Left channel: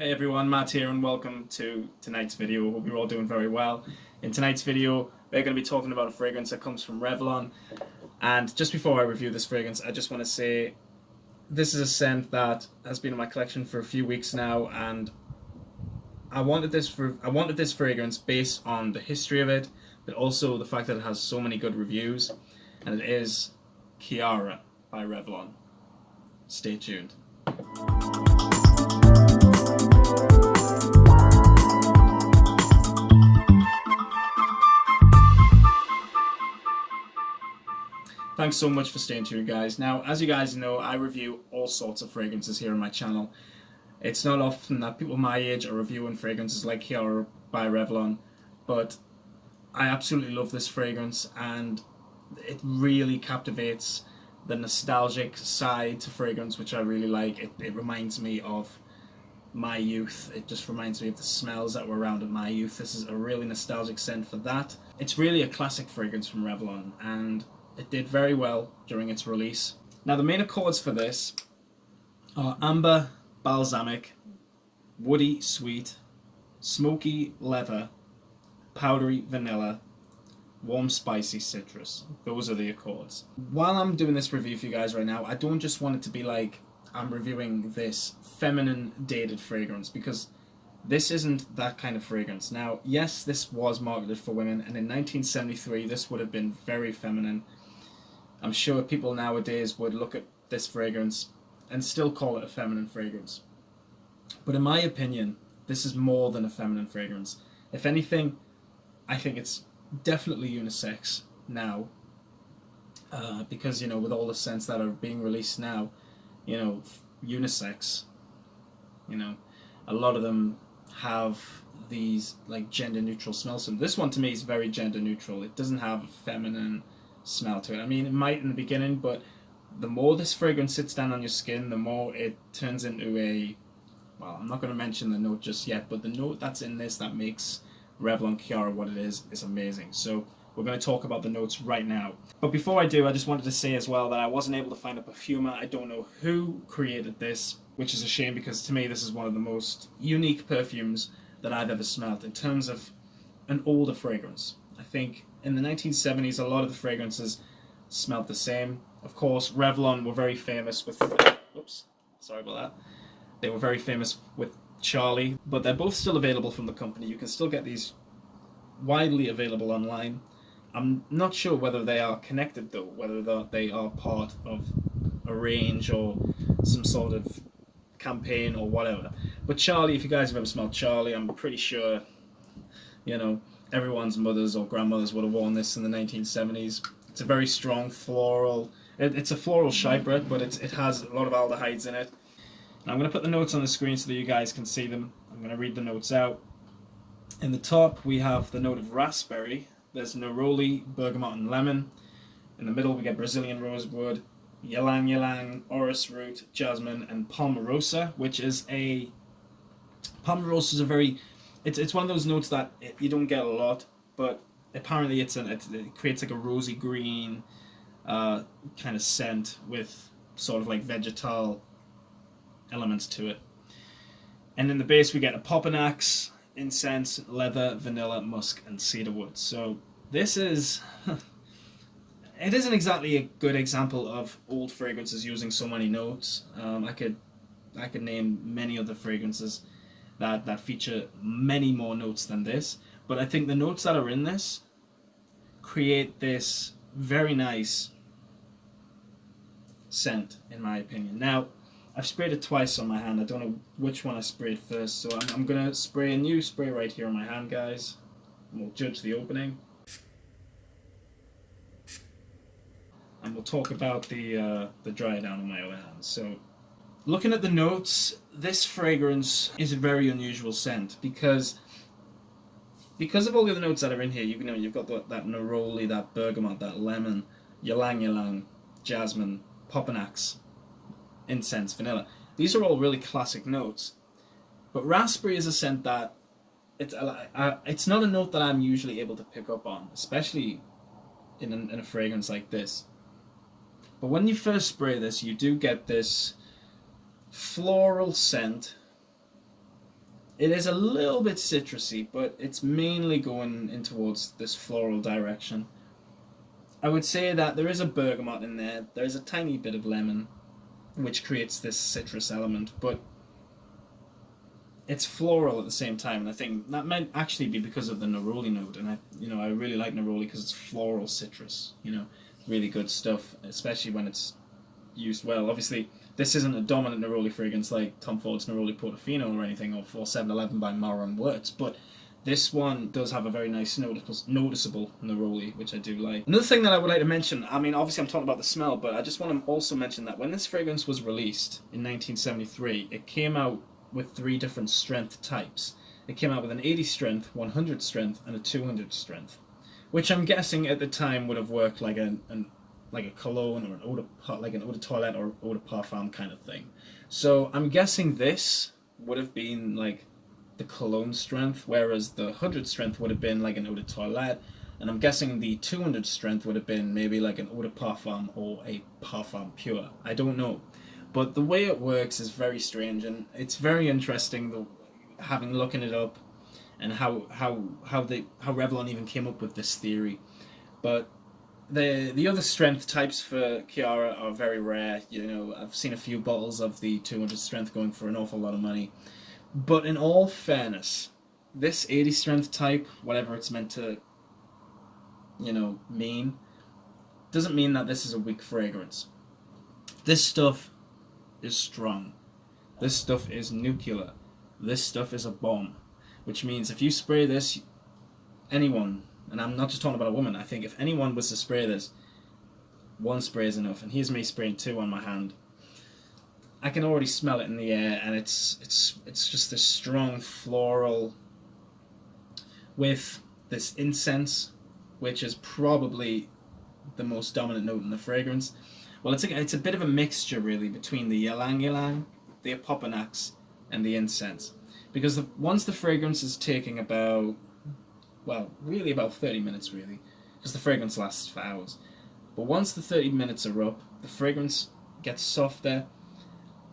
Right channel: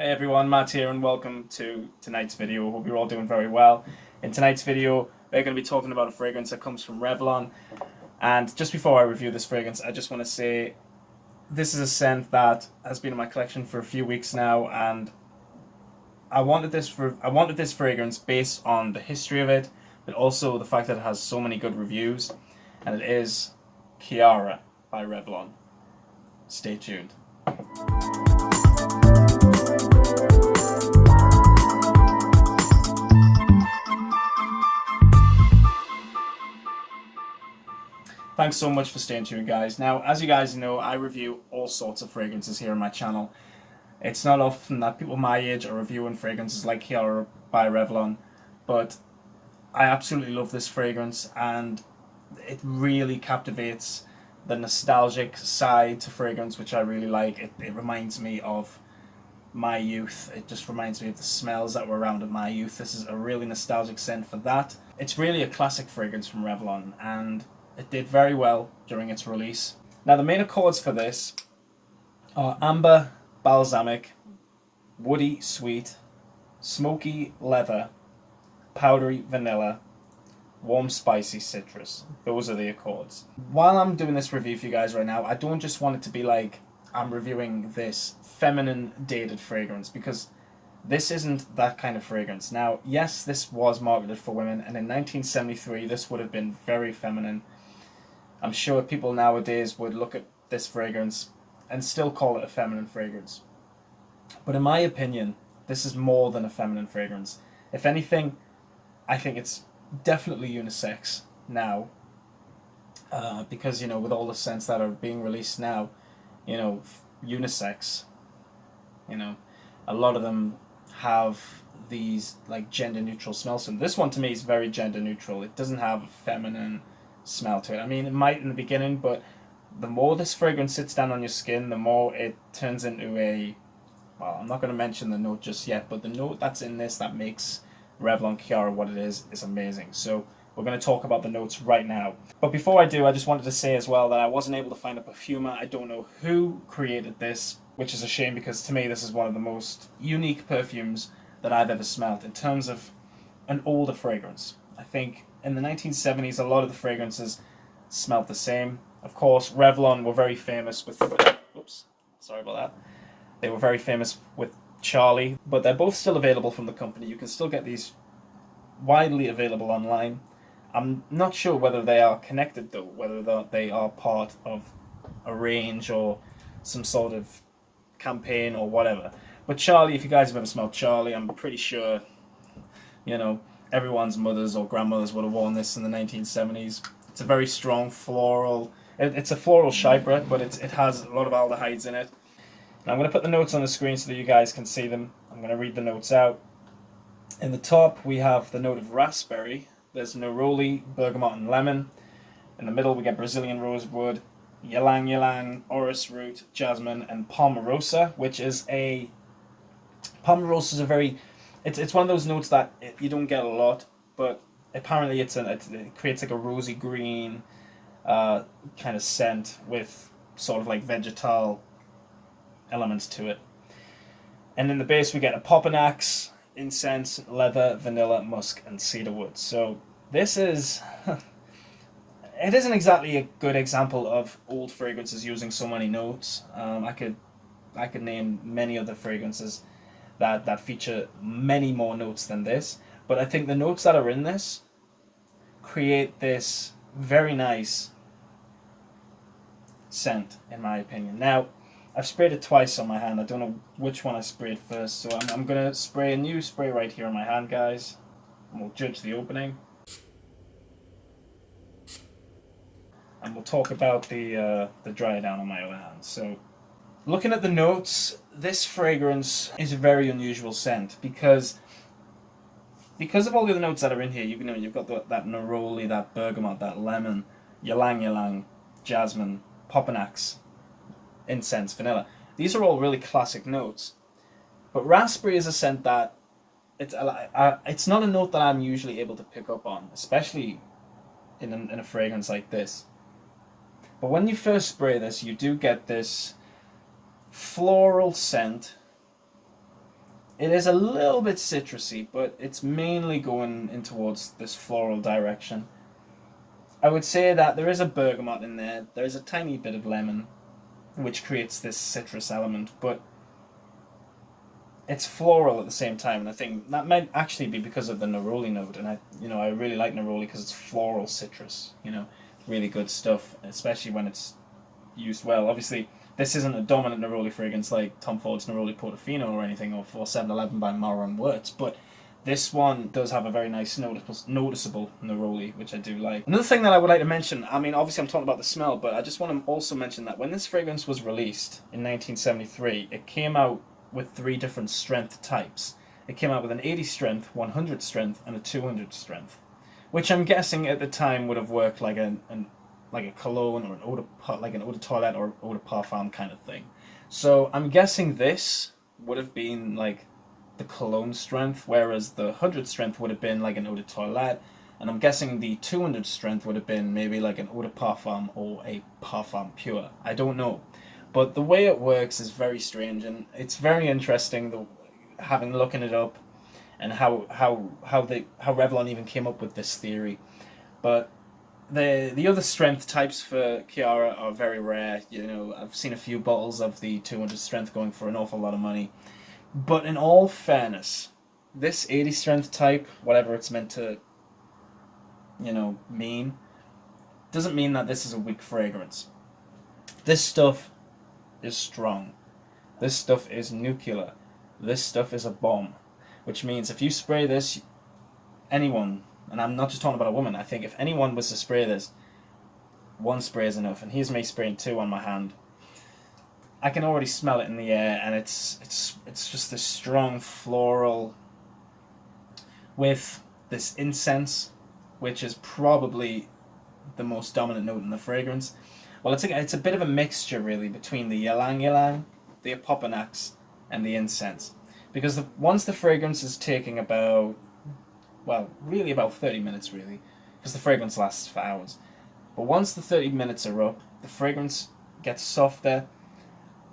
Hey everyone, Matt here and welcome to tonight's video. Hope you're all doing very well. In tonight's video, we're going to be talking about a fragrance that comes from Revlon. And just before I review this fragrance, I just want to say this is a scent that has been in my collection for a few weeks now, and I wanted this fragrance based on the history of it, but also the fact that it has so many good reviews, and it is Ciara by Revlon. Stay tuned. Thanks so much for staying tuned, guys. Now, as you guys know, I review all sorts of fragrances here on my channel. It's not often that people my age are reviewing fragrances like Ciara by Revlon, but I absolutely love this fragrance, and it really captivates the nostalgic side to fragrance, which I really like. It reminds me of my youth. It just reminds me of the smells that were around in my youth. This is a really nostalgic scent for that. It's really a classic fragrance from Revlon, and it did very well during its release. Now, the main accords for this are amber, balsamic, woody, sweet, smoky, leather, powdery, vanilla, warm, spicy, citrus. Those are the accords. While I'm doing this review for you guys right now, I don't just want it to be like I'm reviewing this feminine, dated fragrance, because this isn't that kind of fragrance. Now, yes, this was marketed for women, and in 1973, this would have been very feminine. I'm sure people nowadays would look at this fragrance and still call it a feminine fragrance. But in my opinion, this is more than a feminine fragrance. If anything, I think it's definitely unisex now. Because, with all the scents that are being released now, unisex, a lot of them have these like gender neutral smells. So this one to me is very gender neutral. It doesn't have a feminine smell to it. I mean, it might in the beginning, but the more this fragrance sits down on your skin, the more it turns into I'm not going to mention the note just yet, but the note that's in this that makes Revlon Ciara what it is amazing. So we're going to talk about the notes right now. But before I do, I just wanted to say as well that I wasn't able to find a perfumer. I don't know who created this, which is a shame, because to me this is one of the most unique perfumes that I've ever smelled in terms of an older fragrance. I think in the 1970s, a lot of the fragrances smelled the same. Of course, Revlon were very famous with... Whoops, sorry about that. They were very famous with Charlie, but they're both still available from the company. You can still get these widely available online. I'm not sure whether they are connected, though, whether they are part of a range or some sort of campaign or whatever. But Charlie, if you guys have ever smelled Charlie, I'm pretty sure, everyone's mothers or grandmothers would have worn this in the 1970s. It's a very strong floral. It's a floral chypre, but it has a lot of aldehydes in it. And I'm going to put the notes on the screen so that you guys can see them. I'm going to read the notes out. In the top, we have the note of raspberry. There's neroli, bergamot, and lemon. In the middle, we get Brazilian rosewood, ylang ylang, orris root, jasmine, and palmarosa, which is a... Palmarosa is a very... It's one of those notes that you don't get a lot, but apparently it creates like a rosy green kind of scent with sort of like vegetal elements to it. And in the base we get a popanax, incense, leather, vanilla, musk, and cedarwood. So this is... it isn't exactly a good example of old fragrances using so many notes. I could name many other fragrances that feature many more notes than this, but I think the notes that are in this create this very nice scent, in my opinion. Now, I've sprayed it twice on my hand. I don't know which one I sprayed first, so I'm going to spray a new spray right here on my hand, guys, and we'll judge the opening. And we'll talk about the dry down on my other hand. So, looking at the notes, this fragrance is a very unusual scent because of all the other notes that are in here. You've got that neroli, that bergamot, that lemon, ylang ylang, jasmine, popanax, incense, vanilla. These are all really classic notes. But raspberry is a scent that it's not a note that I'm usually able to pick up on, especially in a fragrance like this. But when you first spray this, you do get this floral scent It is a little bit citrusy, but it's mainly going in towards this floral direction. I would say that there is a bergamot in there. There is a tiny bit of lemon, which creates this citrus element, but it's floral at the same time. And I think that might actually be because of the neroli note. And I really like neroli because it's floral citrus. Really good stuff, especially when it's used well. Obviously, this isn't a dominant neroli fragrance like Tom Ford's Neroli Portofino or anything, or 711 by Maurer and Wirtz, but this one does have a very nice noticeable neroli, which I do like. Another thing that I would like to mention, I mean, obviously I'm talking about the smell, but I just want to also mention that when this fragrance was released in 1973, it came out with 3 different strength types. It came out with an 80 strength, 100 strength, and a 200 strength, which I'm guessing at the time would have worked like a cologne or an eau de toilette or eau de parfum kind of thing. So I'm guessing this would have been like the cologne strength, whereas the 100 strength would have been like an eau de toilette, and I'm guessing the 200 strength would have been maybe like an eau de parfum or a parfum pure. I don't know, but the way it works is very strange, and it's very interesting. Having looking it up, and how Revlon even came up with this theory, but the other strength types for Ciara are very rare. I've seen a few bottles of the 200 strength going for an awful lot of money. But in all fairness, this 80 strength type, whatever it's meant to, mean, doesn't mean that this is a weak fragrance. This stuff is strong. This stuff is nuclear. This stuff is a bomb. Which means if you spray this, anyone, and I'm not just talking about a woman, I think if anyone was to spray this, 1 spray is enough. And here's me spraying 2 on my hand. I can already smell it in the air, and it's just this strong floral with this incense, which is probably the most dominant note in the fragrance. Well, it's a bit of a mixture really between the ylang ylang, the opoponax, and the incense, because once the fragrance is taking about, well, really about 30 minutes really, because the fragrance lasts for hours. But once the 30 minutes are up, the fragrance gets softer,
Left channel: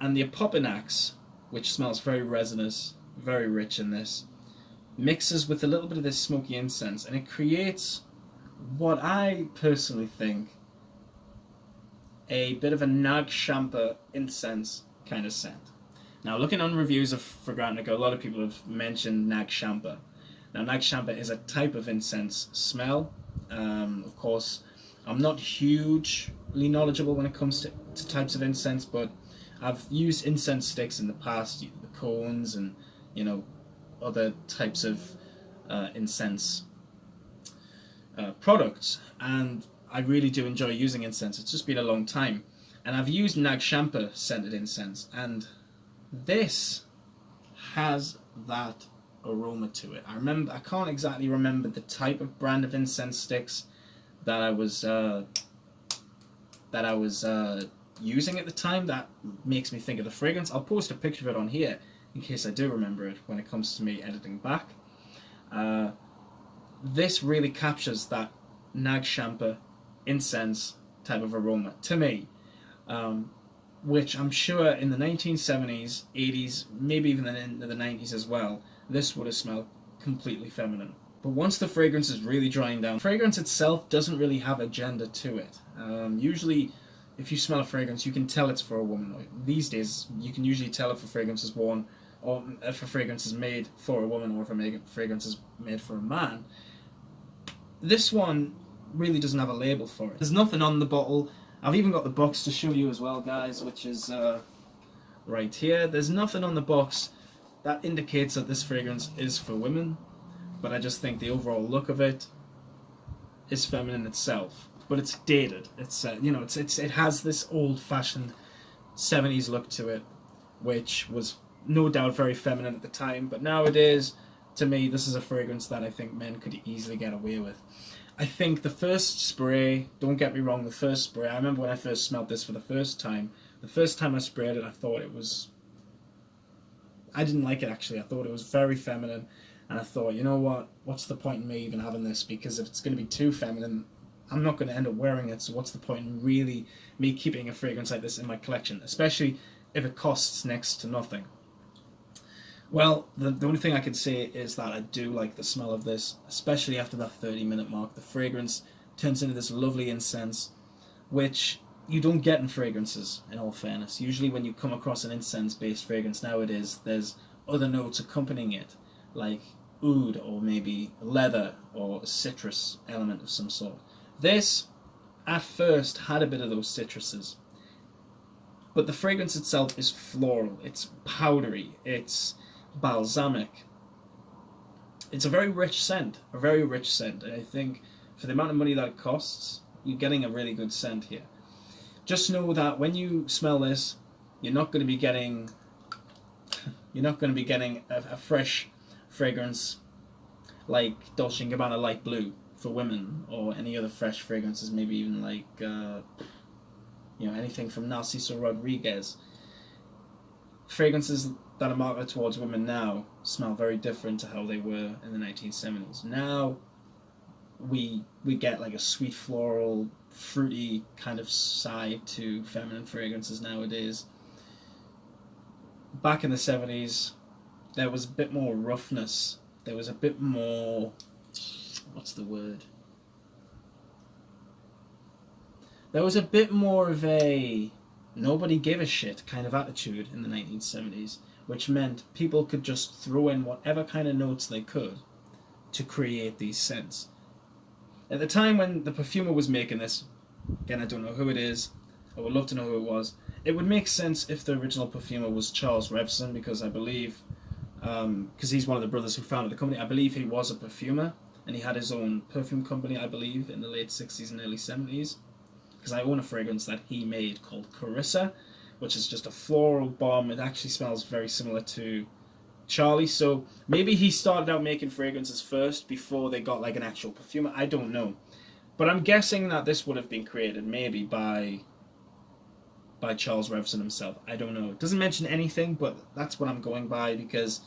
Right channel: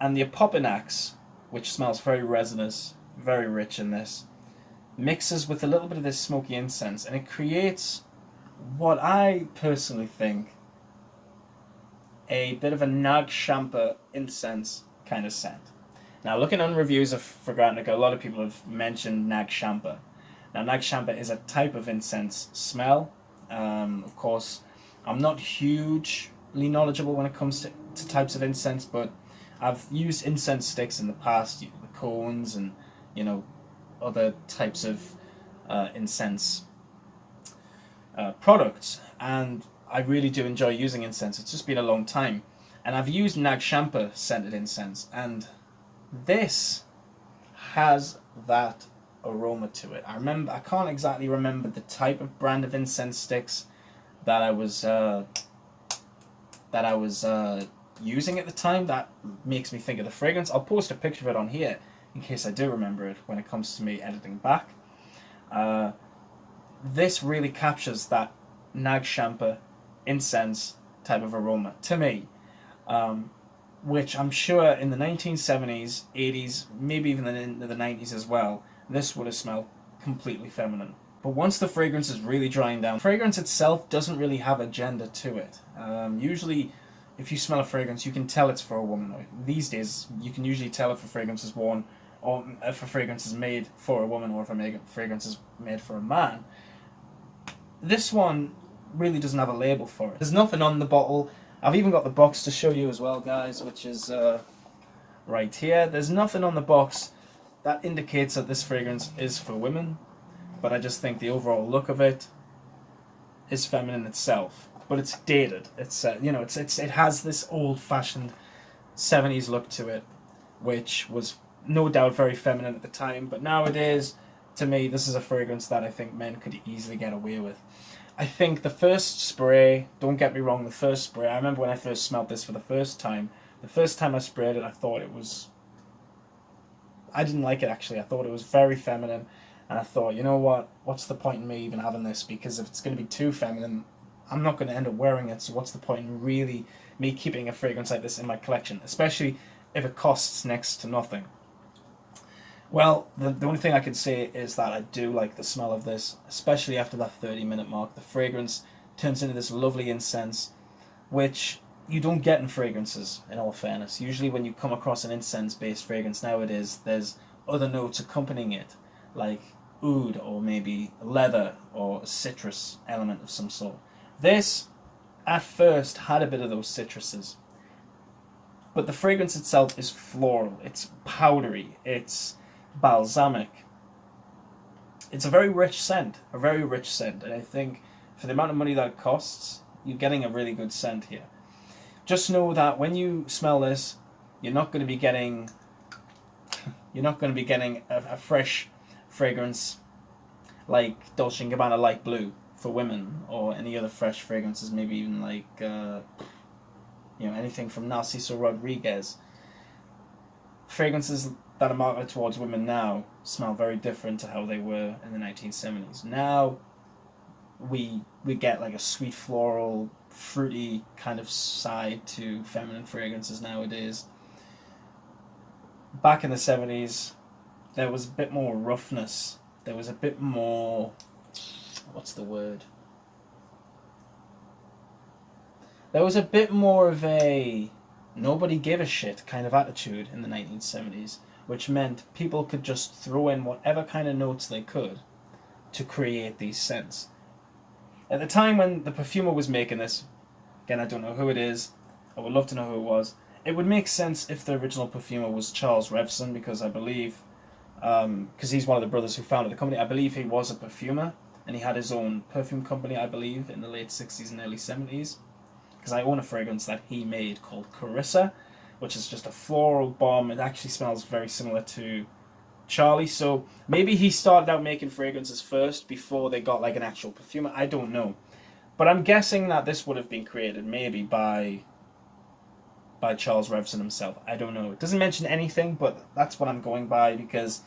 and the opoponax, which smells very resinous, very rich in this, mixes with a little bit of this smoky incense, and it creates what I personally think a bit of a Nag Champa incense kind of scent. Now, looking on reviews of Fragrantica, a lot of people have mentioned Nag Champa. Now, Nag Champa is a type of incense smell. Of course, I'm not hugely knowledgeable when it comes to types of incense, but I've used incense sticks in the past, the cones and, other types of incense products, and I really do enjoy using incense. It's just been a long time, and I've used Nag Champa scented incense, and this has that aroma to it. I can't exactly remember the type of brand of incense sticks that I was using at the time that makes me think of the fragrance. I'll post a picture of it on here in case I do remember it when it comes to me editing back. This really captures that Nag Champa incense type of aroma to me, which I'm sure in the 1970s, 80s, maybe even in the 90s as well, this would have smelled completely feminine. But once the fragrance is really drying down, the fragrance itself doesn't really have a gender to it. Usually, if you smell a fragrance, you can tell it's for a woman. These days, you can usually tell if a fragrance is worn, or if a fragrance is made for a woman, or if a fragrance is made for a man. This one really doesn't have a label for it. There's nothing on the bottle. I've even got the box to show you as well, guys, which is right here. There's nothing on the box that indicates that this fragrance is for women, but I just think the overall look of it is feminine itself. But it's dated. It's it has this old-fashioned 70s look to it, which was no doubt very feminine at the time. But nowadays, to me, this is a fragrance that I think men could easily get away with. I think the first spray, don't get me wrong, the first spray, I remember when I first smelled this for the first time I sprayed it, I didn't like it actually. I thought it was very feminine, and I thought, you know what, what's the point in me even having this? Because if it's going to be too feminine, I'm not going to end up wearing it, so what's the point in really me keeping a fragrance like this in my collection, especially if it costs next to nothing. Well, the only thing I can say is that I do like the smell of this, especially after that 30-minute mark. The fragrance turns into this lovely incense, which you don't get in fragrances, in all fairness. Usually when you come across an incense-based fragrance nowadays, there's other notes accompanying it, like oud or maybe leather or a citrus element of some sort. This, at first, had a bit of those citruses, but the fragrance itself is floral, it's powdery, it's balsamic. It's a very rich scent, and I think for the amount of money that it costs, you're getting a really good scent here. Just know that when you smell this, you're not going to be getting a fresh fragrance like Dolce & Gabbana Light Blue for women, or any other fresh fragrances, maybe even like anything from Narciso Rodriguez. Fragrances that are marketed towards women now smell very different to how they were in the 1970s. Now we get like a sweet floral, fruity kind of side to feminine fragrances nowadays. Back in the 70s, there was a bit more roughness. There was a bit more, what's the word? There was a bit more of a nobody gave a shit kind of attitude in the 1970s, which meant people could just throw in whatever kind of notes they could to create these scents. At the time when the perfumer was making this, again, I don't know who it is, I would love to know who it was. It would make sense if the original perfumer was Charles Revson, because I believe, because he's one of the brothers who founded the company, I believe he was a perfumer, and he had his own perfume company, I believe, in the late 60s and early 70s. Because I own a fragrance that he made called Carissa, which is just a floral bomb. It actually smells very similar to Charlie, so maybe he started out making fragrances first before they got like an actual perfumer. I don't know, but I'm guessing that this would have been created maybe by Charles Revson himself. I don't know. It doesn't mention anything, but that's what I'm going by, because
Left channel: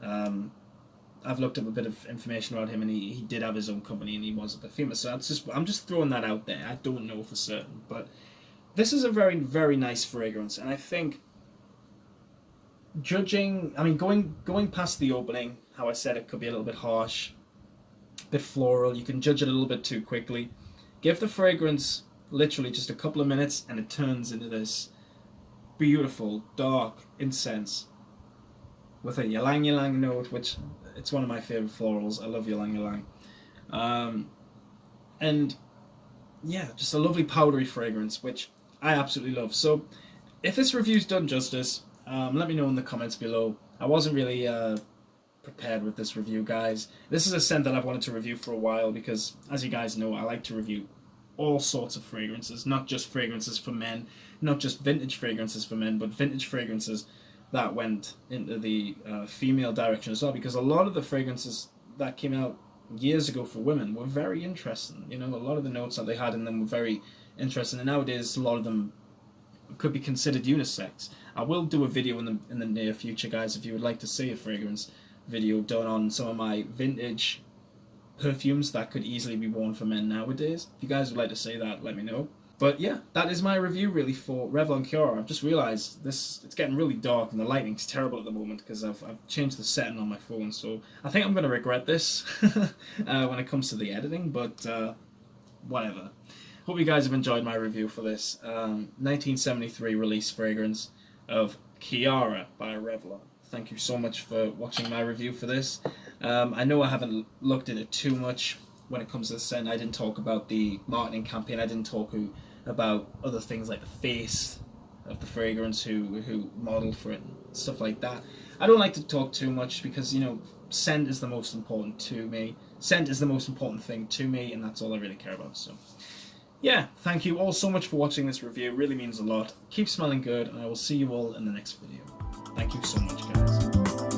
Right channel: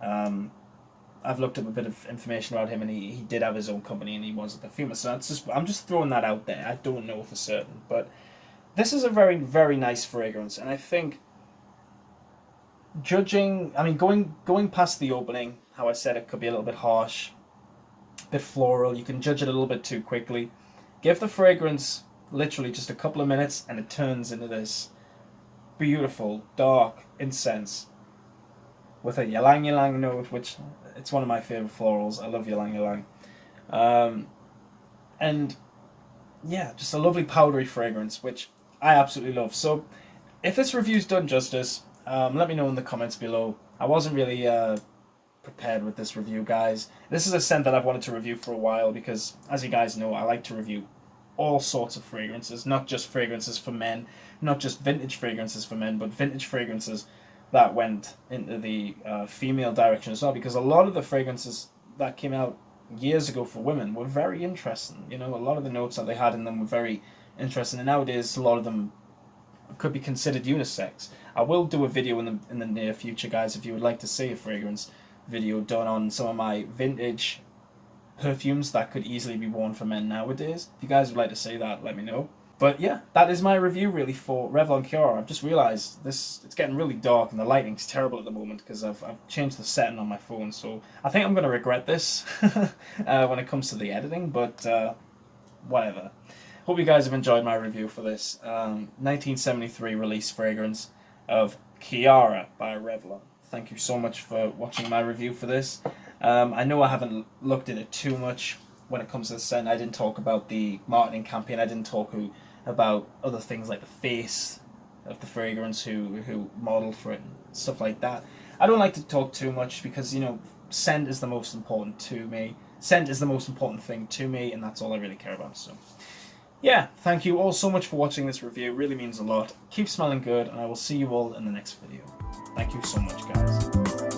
I've looked up a bit of information about him, and he did have his own company, and he was a perfumer. So I'm just throwing that out there. I don't know for certain, but this is a very, very nice fragrance, and I think going past the opening, how I said it could be a little bit harsh, a bit floral. You can judge it a little bit too quickly. Give the fragrance literally just a couple of minutes, and it turns into this beautiful dark incense with a ylang ylang note, which it's one of my favorite florals. I love ylang ylang, and yeah, just a lovely powdery fragrance, which I absolutely love. So, if this review's done justice, let me know in the comments below. I wasn't really prepared with this review, guys. This is a scent that I've wanted to review for a while, because, as you guys know, I like to review all sorts of fragrances, not just fragrances for men, not just vintage fragrances for men, but vintage fragrances that went into the female direction as well, because a lot of the fragrances that came out years ago for women were very interesting. A lot of the notes that they had in them were very interesting, and nowadays a lot of them could be considered unisex. I will do a video in the near future, guys, if you would like to see a fragrance video done on some of my vintage perfumes that could easily be worn for men nowadays. If you guys would like to see that, let me know. But yeah, that is my review really for Revlon Ciara. I've just realised it's getting really dark and the lighting's terrible at the moment because I've changed the setting on my phone, so I think I'm going to regret this when it comes to the editing, but whatever. Hope you guys have enjoyed my review for this 1973 release fragrance of Ciara by Revlon. Thank you so much for watching my review for this. I know I haven't looked at it too much when it comes to the scent. I didn't talk about the marketing campaign. I didn't talk about other things like the face of the fragrance, who modeled for it, and stuff like that. I don't like to talk too much because, scent is the most important to me. Scent is the most important thing to me, and that's all I really care about. So, yeah, thank you all so much for watching this review. It really means a lot. Keep smelling good, and I will see you all in the next video. Thank you so much, guys.